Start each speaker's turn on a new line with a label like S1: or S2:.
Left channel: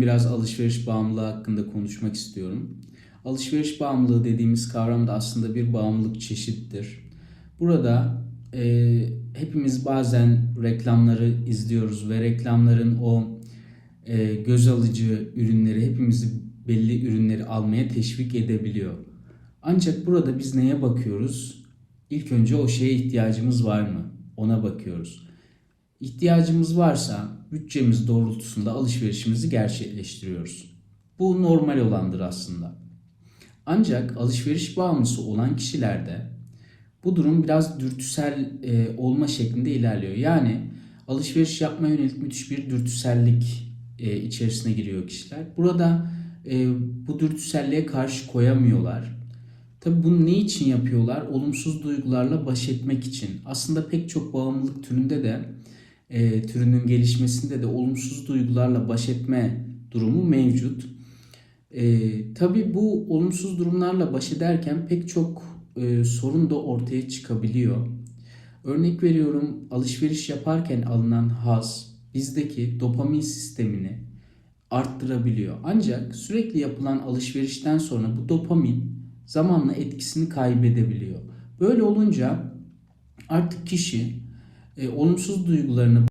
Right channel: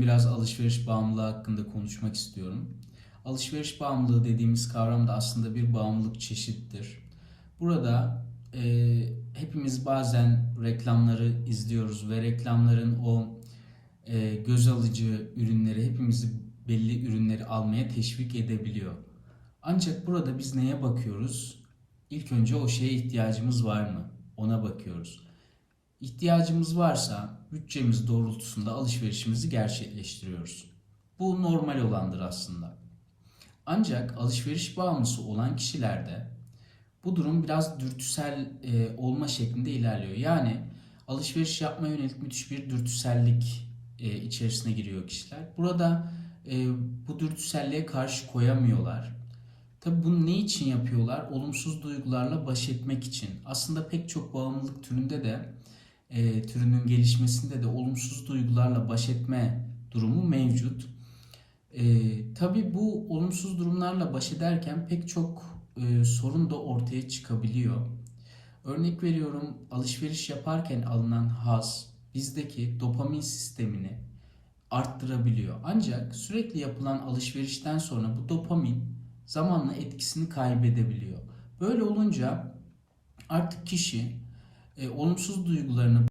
S1: Biraz alışveriş bağımlılığı hakkında konuşmak istiyorum. Alışveriş bağımlılığı dediğimiz kavram da aslında bir bağımlılık çeşittir. Burada e, hepimiz bazen reklamları izliyoruz ve reklamların o e, göz alıcı ürünleri hepimizi belli ürünleri almaya teşvik edebiliyor. Ancak burada biz neye bakıyoruz? İlk önce o şeye ihtiyacımız var mı? Ona bakıyoruz. İhtiyacımız varsa bütçemiz doğrultusunda alışverişimizi gerçekleştiriyoruz. Bu normal olandır aslında. Ancak alışveriş bağımlısı olan kişilerde bu durum biraz dürtüsel e, olma şeklinde ilerliyor. Yani alışveriş yapmaya yönelik müthiş bir dürtüsellik e, içerisine giriyor kişiler. Burada e, bu dürtüselliğe karşı koyamıyorlar. Tabi bunu ne için yapıyorlar? Olumsuz duygularla baş etmek için. Aslında pek çok bağımlılık türünde de e, türünün gelişmesinde de olumsuz duygularla baş etme durumu mevcut. E, tabii bu olumsuz durumlarla baş ederken pek çok e, sorun da ortaya çıkabiliyor. Örnek veriyorum alışveriş yaparken alınan haz bizdeki dopamin sistemini arttırabiliyor. Ancak sürekli yapılan alışverişten sonra bu dopamin zamanla etkisini kaybedebiliyor. Böyle olunca artık kişi e, olumsuz duygularını